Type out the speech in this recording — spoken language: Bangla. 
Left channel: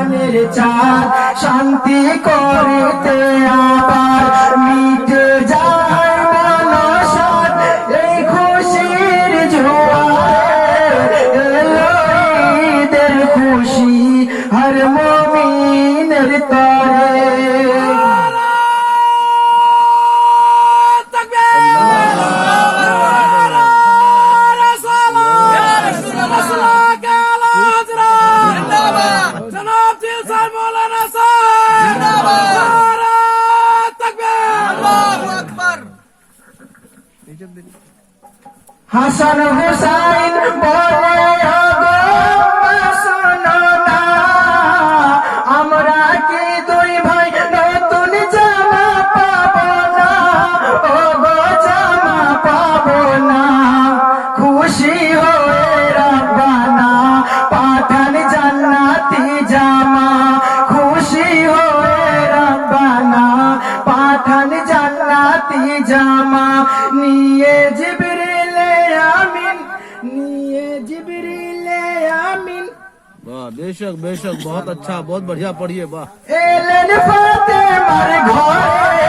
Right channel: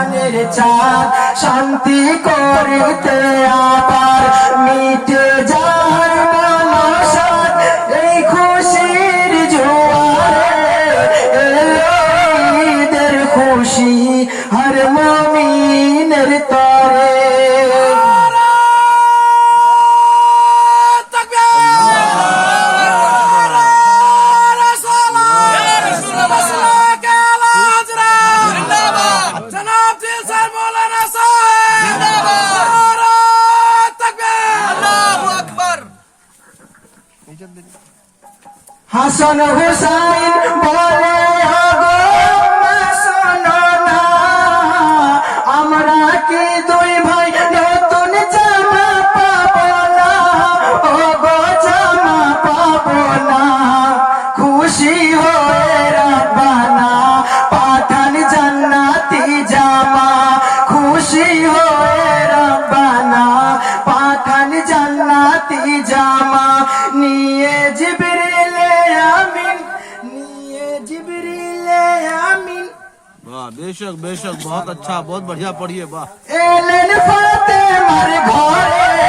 জাহানের চাঁদ শান্তি করিতে আবার মিটে যায় মনসাদ এই খুশির জোয়ারে এলো ঈদের খুশি হর মুমিনের তরে হাসান হুসাইন বলে ওগো শোনো না আমরা কি দুই ভাই নতুন জামা পাবো না ওগো জামা পাবো না খুশি হয়ে রব্বানা পাঠান জান্নাতি জামা খুশি হয়ে রব্বানা পাঠান জান্নাতি জামা নিয়ে बेशक बेशक बहुत अच्छा बहुत बढ़िया पढ़िए वाह। फातिमा घर